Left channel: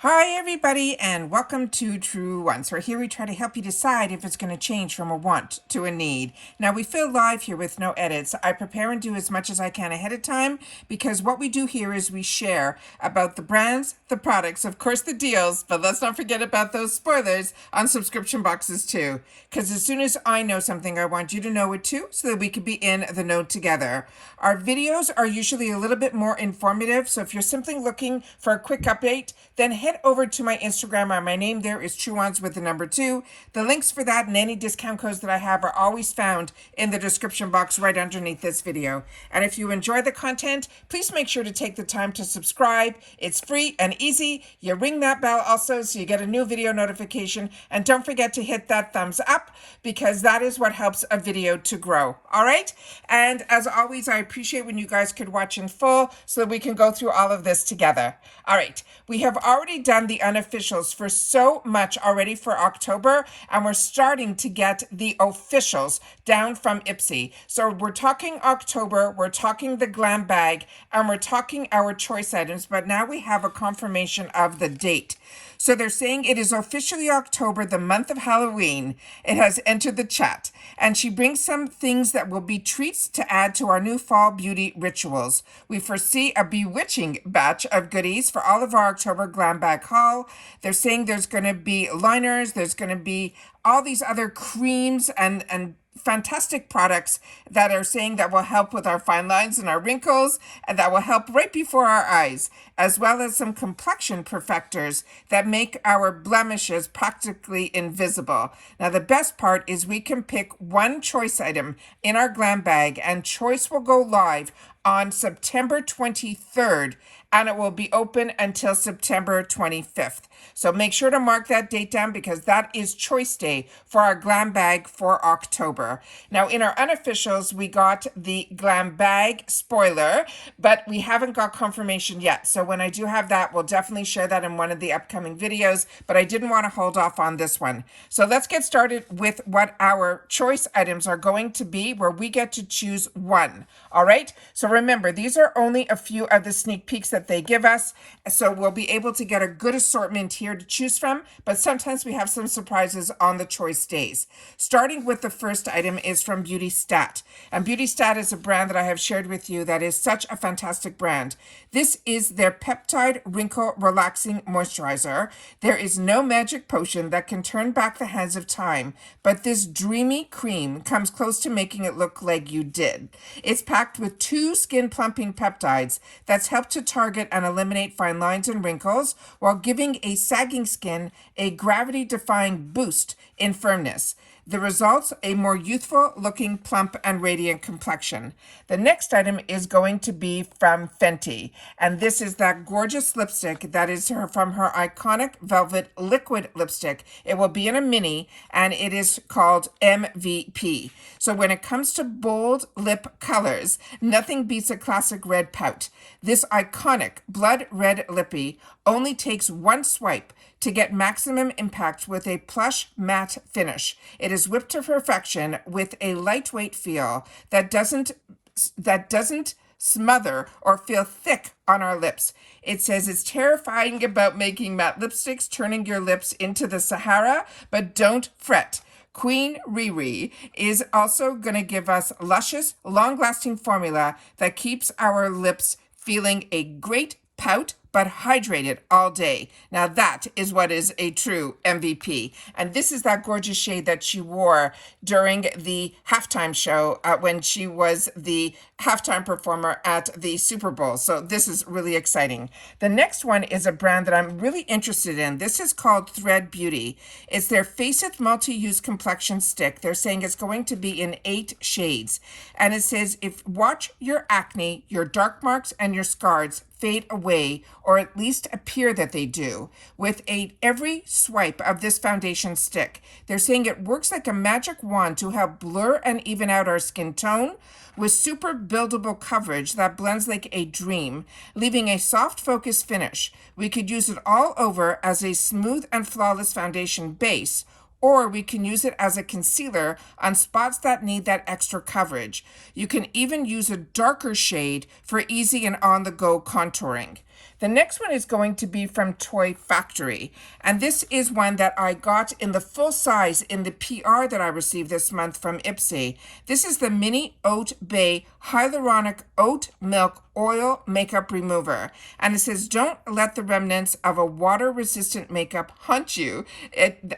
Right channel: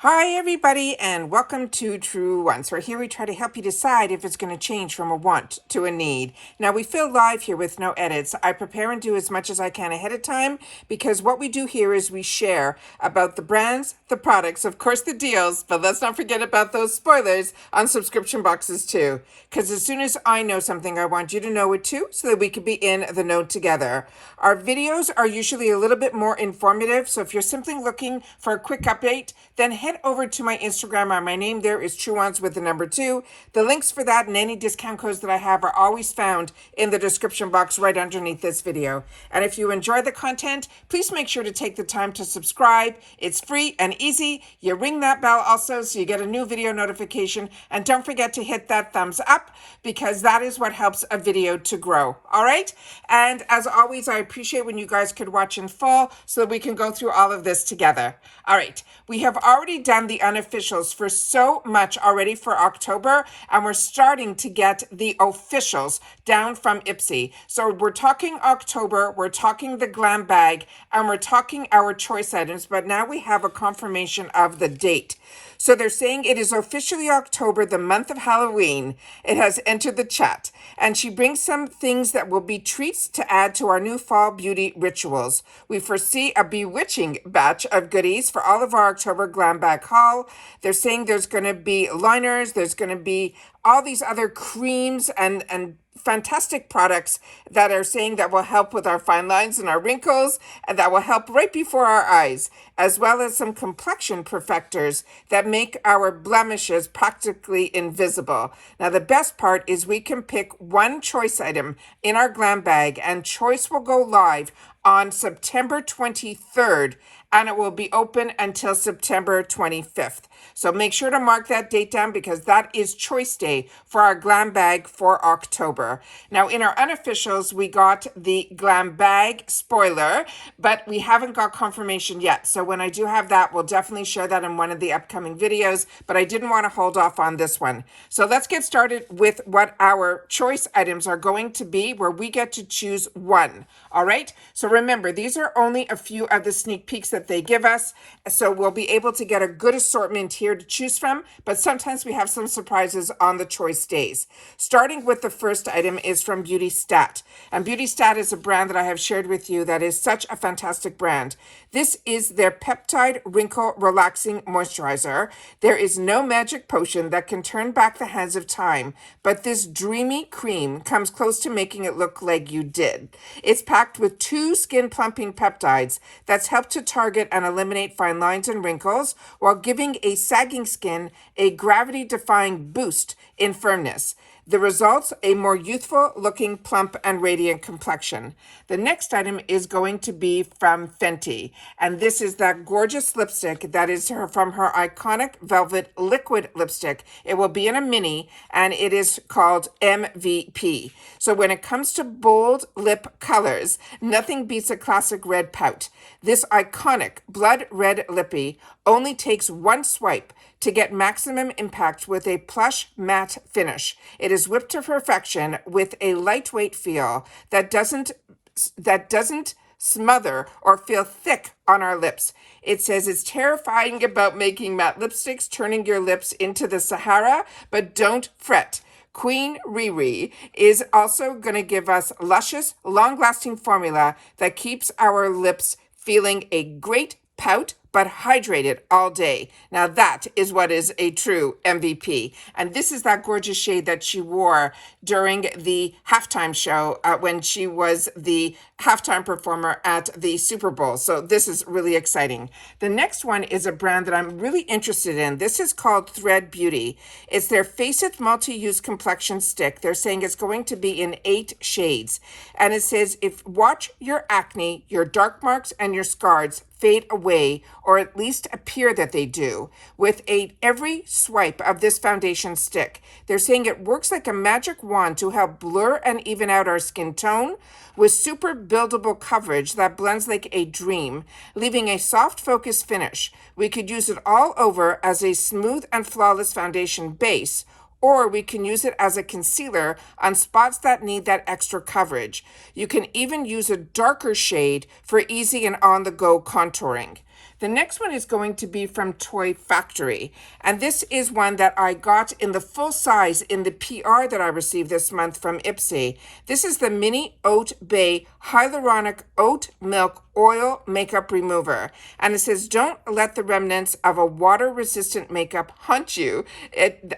Hi everybody and welcome to Truewants, where here we try to help you decide if it's going to change from a want to a need. Now we feel live here with no edits. I prepare and do as much as I can ahead of time because what we do here is we share about the brands, the products, of course the deals, but let's not forget about those spoilers on subscription boxes too. Because as soon as I know something, I want you to know it too so that we can be in the know together. Our videos are usually a little bit more informative, so if you're simply looking for a quick update, then head over to my Instagram. My name there is Truewants with the number 2. The links for that and any discount codes that I have are always found in the description box right underneath this video. And if you enjoy the content, please make sure to take the time to subscribe. It's free and easy. You ring that bell also so you get a new video notification. And don't forget to hit that thumbs up because that is what helps a video to grow. All right? And as always, I appreciate when you guys could watch in full so that we can go through all of this together. All right. We have already done the unofficials for so much already for October, and we're starting to get the officials down from IPSY. So we're talking October, we're talking the Glam Bag, and we're talking our choice items, but now we have a confirmation of the date. So they're saying it is officially October, the month of Halloween. It has entered the chat. And she brings some things that will be treats to add to our new fall beauty rituals. We foresee a bewitching batch of goodies for all of our October Glam Bag haul. They're saying there's going to be liners, there's going to be all these other creams and fantastic products that are saying that will help with our fine lines and our wrinkles and that will help right before our eyes, as well as some complexion perfectors that make our blemishes practically invisible. Now, the best part is we can pick one choice item in our Glam Bag, and choice will go live on September 23rd, and it will be open until September 25th. So make sure to mark that date down because that is choice day for our Glam Bag for October. Now, in our unofficials, we got the Glam Bag spoiler, but we haven't got confirmation yet. So when I do have that, we'll definitely share that in one of the upcoming videos, but I didn't want to hold off on this one. So let's get started with what our choice items are going to be, where we get to choose one. All right? So remember, these are only a few of the sneak peeks that they give us, so we'll be able to get a good assortment here to choose from, but sometimes we have some surprises on the choice days. Starting with the first item is from Beauty Stat, and Beauty Stat is a brand that I have shared with you that is such a fantastic brand. This is their Peptide Wrinkle Relaxing Moisturizer. There is no magic potion that can turn back the hands of time, but this dreamy cream comes close to making it look like you did. It's packed with 2 skin plumping peptides that's helped to target and eliminate fine lines and wrinkles while giving a sagging skin a gravity-defying boost in firmness. The results, a more youthful looking, plump and radiant complexion. The next item is going to be from Fenty, and this is that gorgeous lipstick that is from her iconic velvet liquid lipstick. It will be in a mini, and it is called MVP. So when it comes to bold lip colors, nothing beats a classic red pout. This iconic blood red lippy only takes one swipe to get maximum impact with a plush matte finish. It is whipped to perfection with a lightweight feel that doesn't smother or feel thick on our lips. It says it's terrifying about making matte lipsticks, turning your lips into the Sahara, but don't fret. Queen Riri is also going to give us luscious, long-lasting formula that keeps our lips feeling a great pout, but hydrated all day. Now that is what is a true MVP. And this is that gorgeous shade that she wore during the halftime show when she was the halftime performer at the Super Bowl. So this is really exciting. The next one is a brand that I'm really interested in. This is called Thread Beauty. It's their Face It Multi-Use Complexion Stick. They're saying it's going to be in 8 shades. And it says, watch your acne, your dark marks, and your scars fade away, or at least appear that they do, with every swipe of this foundation stick. They're saying it works like a magic wand to help blur and even out our skin tone, with super buildable coverage that blends like a dream, leaving a soft focused finish. We could use it all over as a smooth and flawless foundation base, or we can use it as a concealer on spots that need that extra coverage. You can even use a darker shade for easy and on-the-go contouring. The next one is going to be from Toy Factory. And this is one that I got in the full size in the PR that I received this month from IPSY. This is the Mini Oat Bay Hyaluronic Oat Milk Oil Makeup Remover. And it says, don't let the remnants of a water-resistant makeup haunt you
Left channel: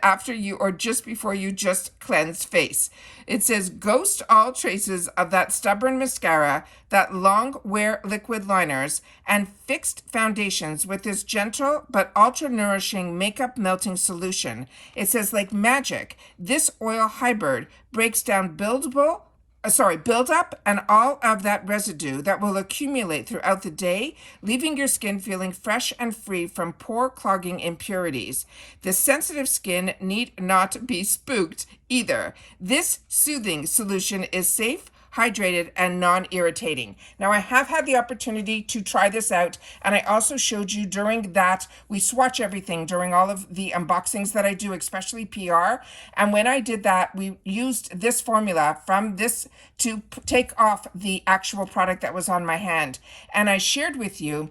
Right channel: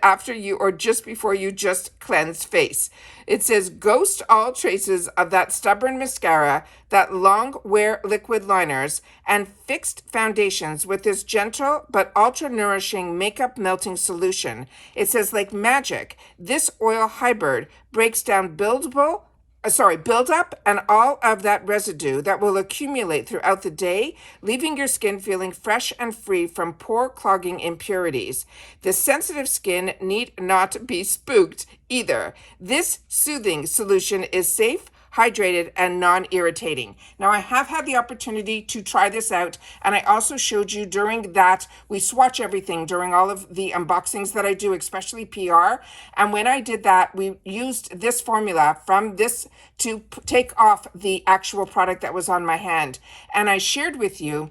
after you or just before you just cleanse face. It says, ghost all traces of that stubborn mascara, that long wear liquid liners, and fixed foundations with this gentle but ultra nourishing makeup melting solution. It says, like magic, this oil hybrid breaks down build up and all of that residue that will accumulate throughout the day, leaving your skin feeling fresh and free from pore clogging impurities. The sensitive skin need not be spooked either. This soothing solution is safe, hydrated, and non-irritating. Now, I have had the opportunity to try this out, and I also showed you during that we swatch everything during all of the unboxings that I do, especially PR. And when I did that, we used this formula from this to take off the actual product that was on my hand. And I shared with you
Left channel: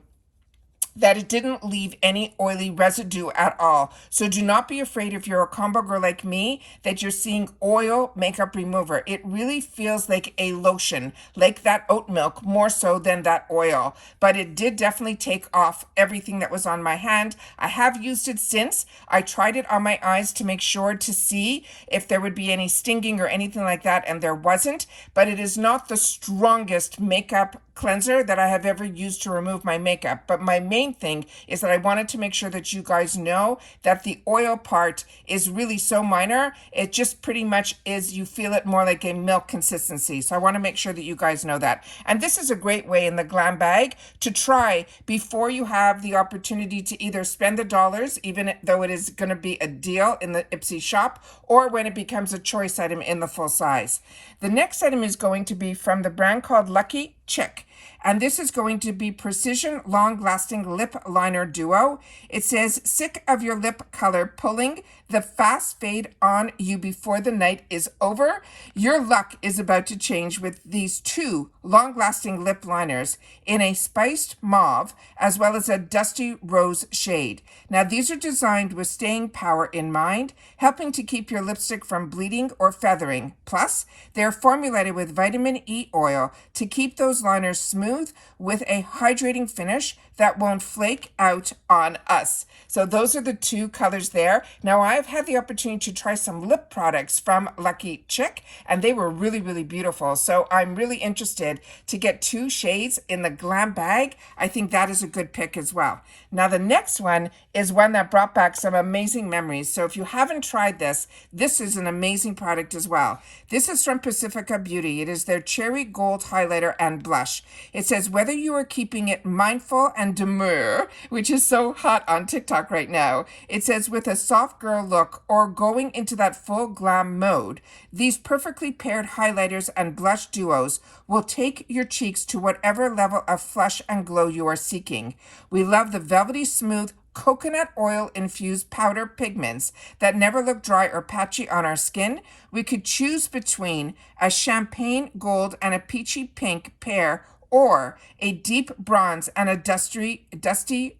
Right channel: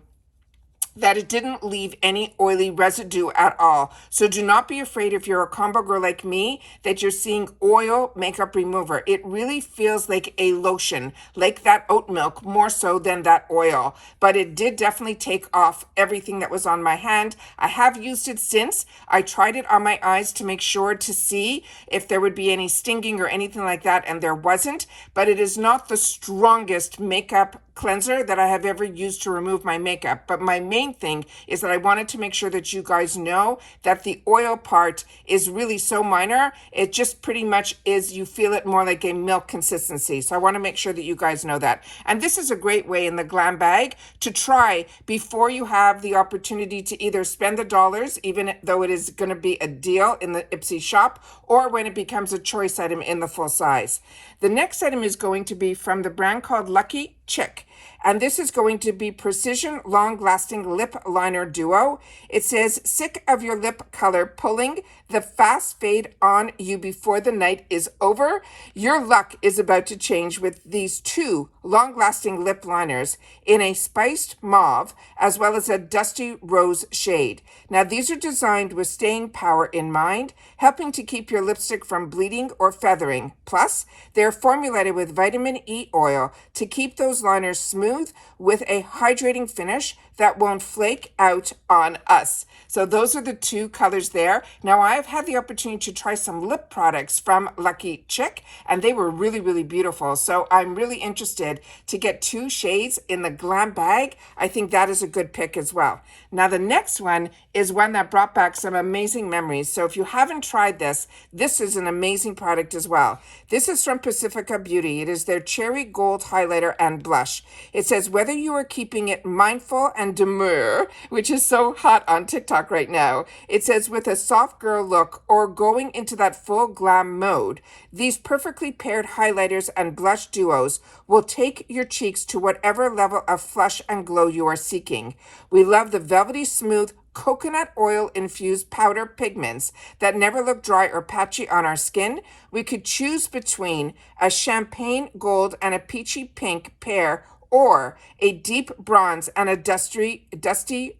that it didn't leave any oily residue at all. So do not be afraid if you're a combo girl like me that you're seeing oil makeup remover. It really feels like a lotion, like that oat milk, more so than that oil. But it did definitely take off everything that was on my hand. I have used it since. I tried it on my eyes to make sure to see if there would be any stinging or anything like that, and there wasn't. But it is not the strongest makeup cleanser that I have ever used to remove my makeup. But my main thing is that I wanted to make sure that you guys know that the oil part is really so minor. It just pretty much is, you feel it more like a milk consistency. So I want to make sure that you guys know that. And this is a great way in the Glam Bag to try before you have the opportunity to either spend the dollars, even though it is going to be a deal in the IPSY shop, or when it becomes a choice item in the full size. The next item is going to be from the brand called Lucky Chick. And this is going to be Precision Long-Lasting Lip Liner Duo. It says, sick of your lip color pulling the fast fade on you before the night is over? Your luck is about to change with these two long-lasting lip liners in a spiced mauve as well as a dusty rose shade. Now, these are designed with staying power in mind, helping to keep your lipstick from bleeding or feathering. Plus, they're formulated with vitamin E oil to keep those liners smooth with a hydrating finish that won't flake out on us. So those are the two colors there. Now, I've had the opportunity to try some lip products from Lucky Chick, and they were really, really beautiful. So I'm really interested to get two shades in the Glam Bag. I think that is a good pick as well. Now, the next one is one that brought back some amazing memories. So if you haven't tried this, this is an amazing product as well. This is from Pacifica Beauty. It is their Cherry Gold Highlighter and Blush. It says, whether you are keeping it mindful and demure, which is so hot on TikTok right now, it says with a soft girl look or going into that full glam mode, these perfectly paired highlighters and blush duos will take your cheeks to whatever level of flush and glow you are seeking. We love the velvety smooth coconut oil infused powder pigments that never look dry or patchy on our skin. We could choose between a champagne gold and a peachy pink pair, or a deep bronze and a dusty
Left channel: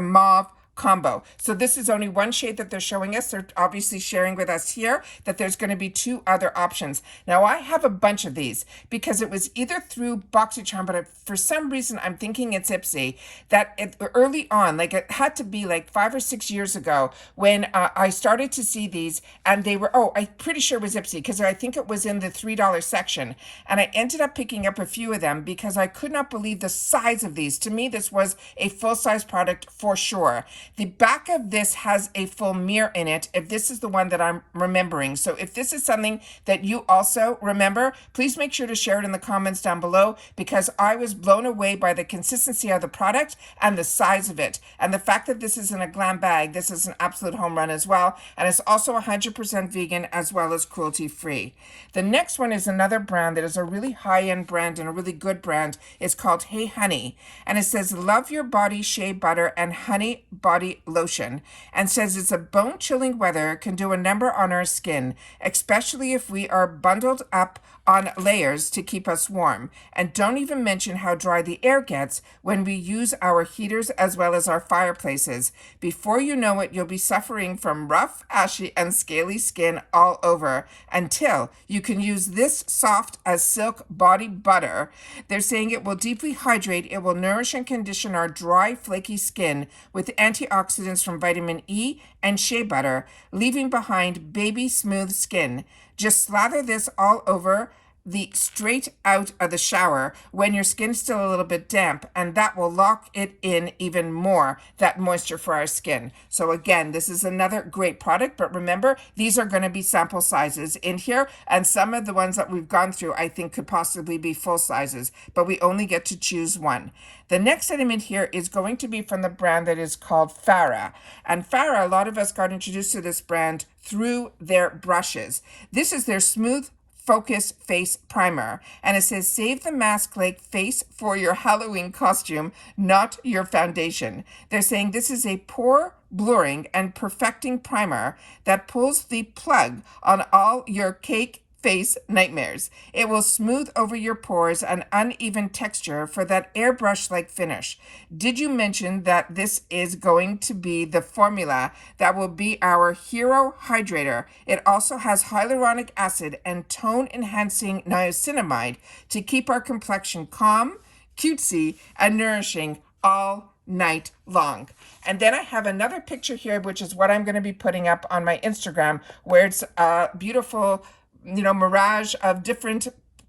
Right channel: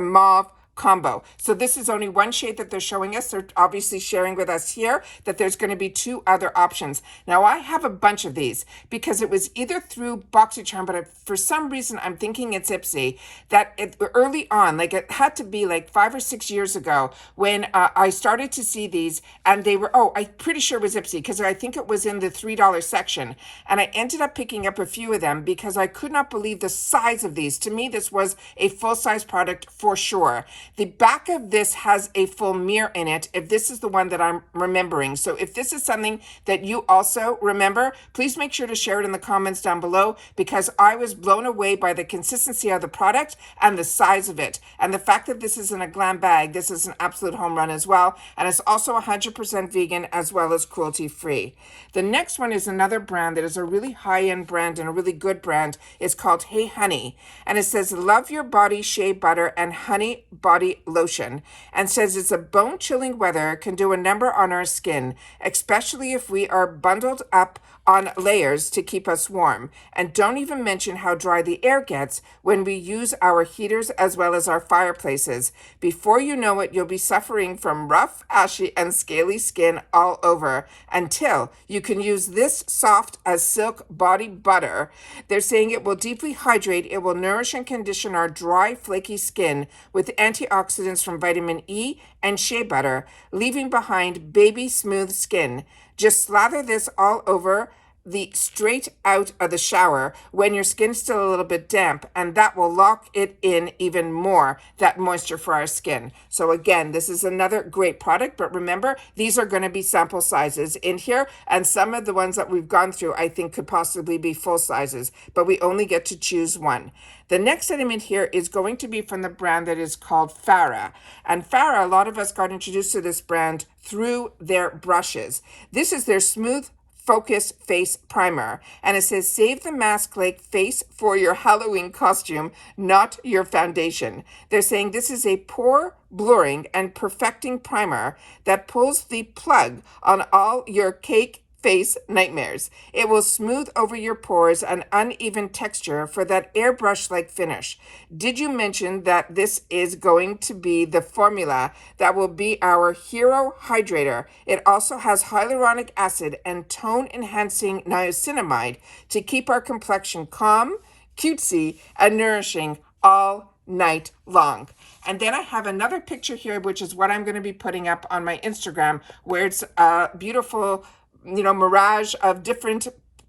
mauve combo. So this is only one shade that they're showing us. They're obviously sharing with us here that there's going to be two other options. Now, I have a bunch of these because it was either through BoxyCharm, but for some reason I'm thinking it's IPSY, that early on, like it had to be like 5 or 6 years ago when I started to see these, and they were, I'm pretty sure it was IPSY because I think it was in the $3 section. And I ended up picking up a few of them because I could not believe the size of these. To me, this was a full-size product for sure. The back of this has a full mirror in it, if this is the one that I'm remembering. So if this is something that you also remember, please make sure to share it in the comments down below, because I was blown away by the consistency of the product and the size of it. And the fact that this is in a Glam Bag, this is an absolute home run as well. And it's also 100% vegan as well as cruelty-free. The next one is another brand that is a really high-end brand and a really good brand. It's called Hey Honey. And it says, love your body shea butter and honey body body lotion, and says it's a bone-chilling weather, can do a number on our skin, especially if we are bundled up on layers to keep us warm. And don't even mention how dry the air gets when we use our heaters as well as our fireplaces. Before you know it, you'll be suffering from rough, ashy, and scaly skin all over until you can use this soft as silk body butter. They're saying it will deeply hydrate, it will nourish and condition our dry, flaky skin with antioxidants from vitamin E and shea butter, leaving behind baby smooth skin. Just slather this all over the straight out of the shower when your skin's still a little bit damp, and that will lock it in even more, that moisture for our skin. So again, this is another great product, but remember, these are going to be sample sizes in here, and some of the ones that we've gone through I think could possibly be full sizes, but we only get to choose one. The next item in here is going to be from the brand that is called Farah. And Farah, a lot of us got introduced to this brand through their brushes. This is their Smooth Focus Face Primer, and it says save the mask-like face for your Halloween costume, not your foundation. They're saying this is a pore blurring and perfecting primer that pulls the plug on all your cake face nightmares. It will smooth over your pores and uneven texture for that airbrush-like finish. Did you mention that this is going to be the formula that will be our hero hydrator? It also has hyaluronic acid and tone-enhancing niacinamide to keep our complexion calm, cutesy, and nourishing all night long. And then I have another picture here, which is what I'm going to be putting up on my Instagram, where it's a beautiful mirage of different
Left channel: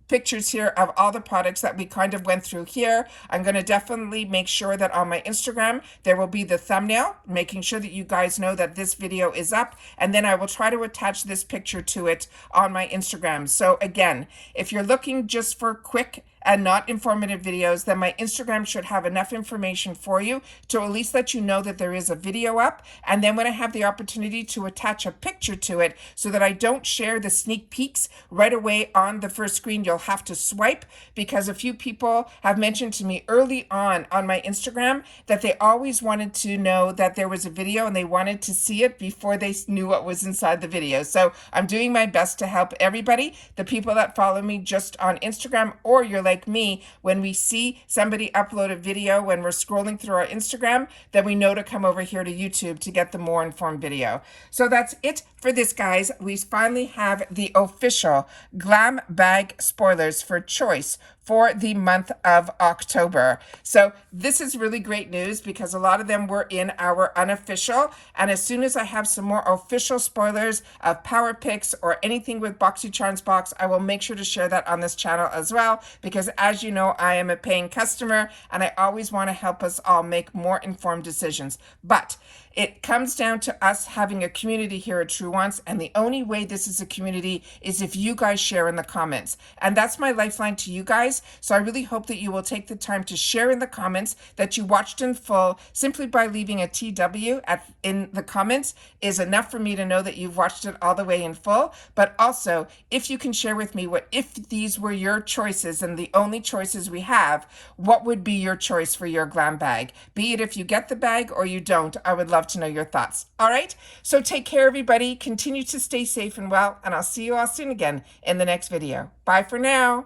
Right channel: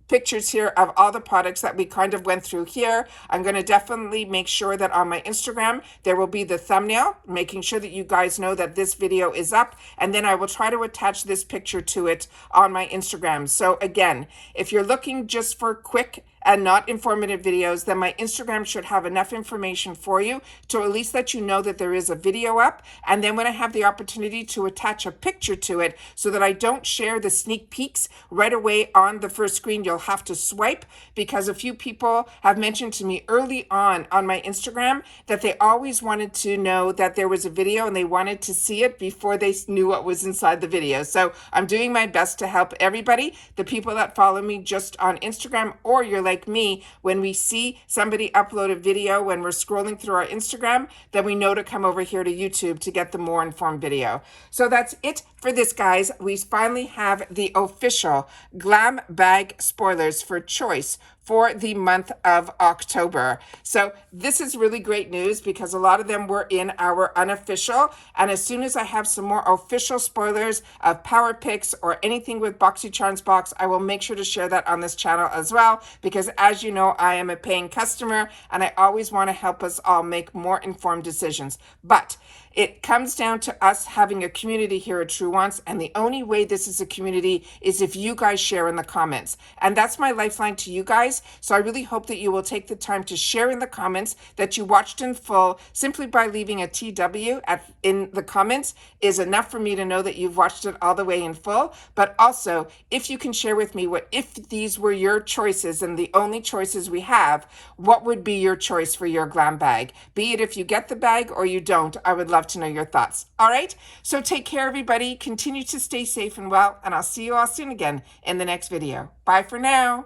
pictures here of all the products that we kind of went through here. I'm going to definitely make sure that on my Instagram, there will be the thumbnail, making sure that you guys know that this video is up. And then I will try to attach this picture to it on my Instagram. So again, if you're looking just for quick and not informative videos, then my Instagram should have enough information for you to at least let you know that there is a video up. And then when I have the opportunity to attach a picture to it so that I don't share the sneak peeks right away on the first screen, you'll have to swipe, because a few people have mentioned to me early on my Instagram that they always wanted to know that there was a video and they wanted to see it before they knew what was inside the video. So I'm doing my best to help everybody, the people that follow me just on Instagram, or you're like me, when we see somebody upload a video when we're scrolling through our Instagram, then we know to come over here to YouTube to get the more informed video. So that's it for this, guys. We finally have the official Glam Bag spoilers for choice for the month of October. So this is really great news because a lot of them were in our unofficial. And as soon as I have some more official spoilers of Power Picks or anything with BoxyCharms box, I will make sure to share that on this channel as well. Because as you know, I am a paying customer and I always want to help us all make more informed decisions. But it comes down to us having a community here at Truewants, and the only way this is a community is if you guys share in the comments. And that's my lifeline to you guys. So I really hope that you will take the time to share in the comments that you watched in full. Simply by leaving a TW in the comments is enough for me to know that you've watched it all the way in full. But also, if you can share with me if these were your choices and the only choices we have, what would be your choice for your glam bag? Be it if you get the bag or you don't, I would love to know your thoughts. All right, so take care, everybody. Continue to stay safe and well, and I'll see you all soon again in the next video. Bye for now.